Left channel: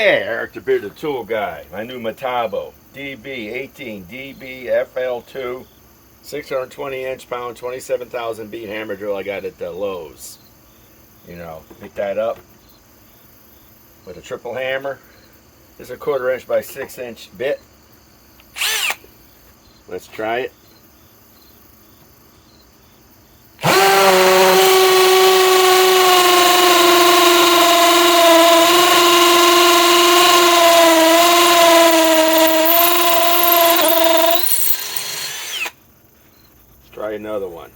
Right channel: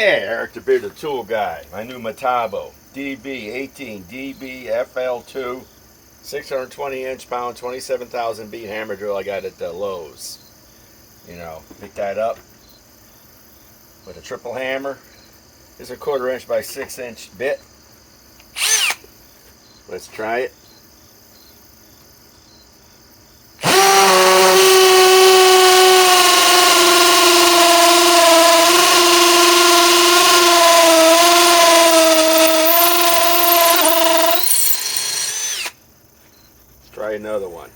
Hey, Eric the Bearded Tool Guy. My new MATABO DV18DBFL2 620 inch-pound 27,000 beat hammer drill I got at the Lowe's. You know, pick that up with a triple hammer. This is a 1/4 inch by 6 inch bit. Let's try it. Try another one.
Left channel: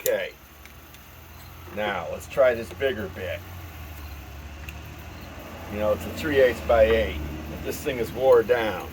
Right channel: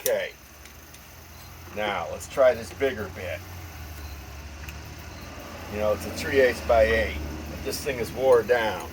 Okay, now let's try this bigger bit. You know, it's a 3/8 by 8. This thing is wore down.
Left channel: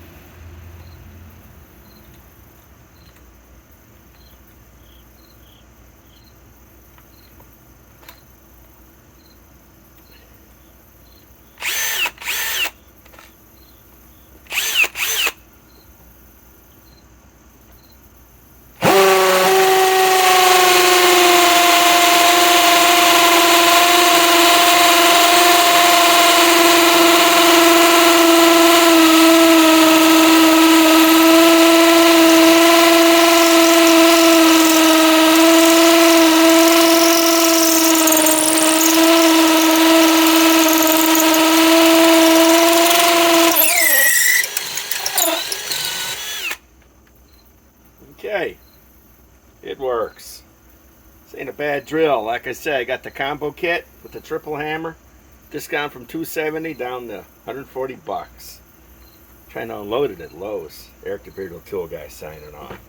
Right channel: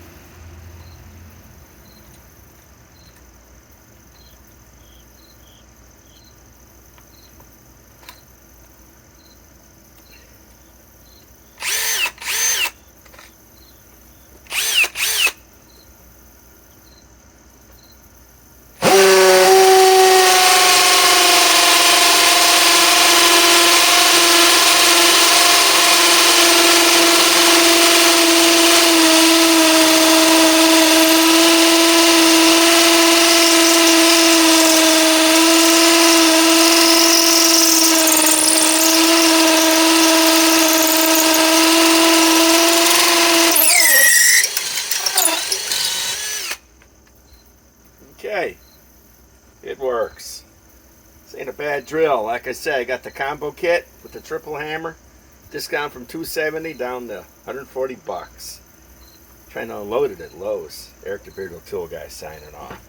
Okay, it works. This ain't a bad drill. Like I said, I got the combo kit with the triple hammer. Discount from $270 down to $140. Trying to unload it at Lowe's. Eric the Bearded Tool Guy signing off.